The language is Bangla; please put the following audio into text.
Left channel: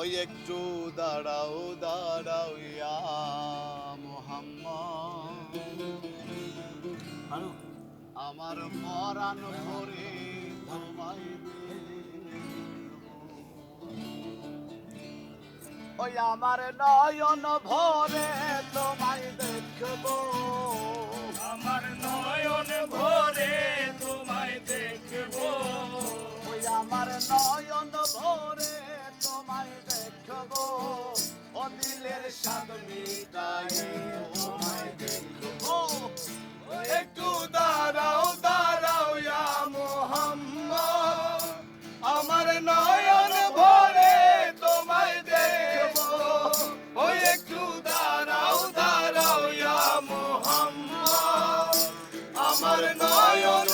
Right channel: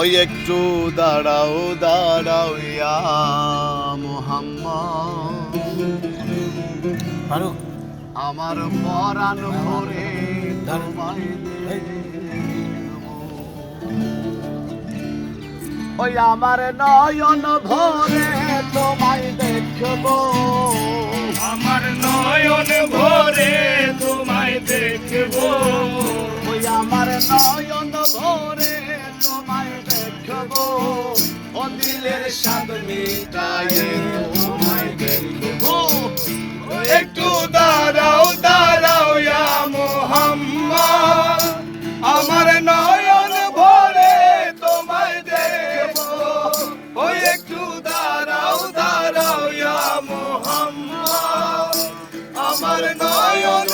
ওই একটু দাঁড়াও দাঁড়াও ইয়া মুহাম্মদ, ফারুক আমার পরাণ ভরে তোমায় দেখব। ওই আমার নয়ন ভরে তোমায় দেখব, আমার নয়ন ভরে তোমায় দেখব, ওই আমার নয়ন ভরে তোমায় দেখব, ও দিলের স্বাদ মিটায়ে তোমায় দেখব। একটু দাঁড়াও দাঁড়াও ইয়া মুহাম্মদ, আমার নয়ন ভরে তোমায় দেখব, ওই একটু দাঁড়াও দাঁড়াও ইয়া মুহাম্মদ, আমার নয়ন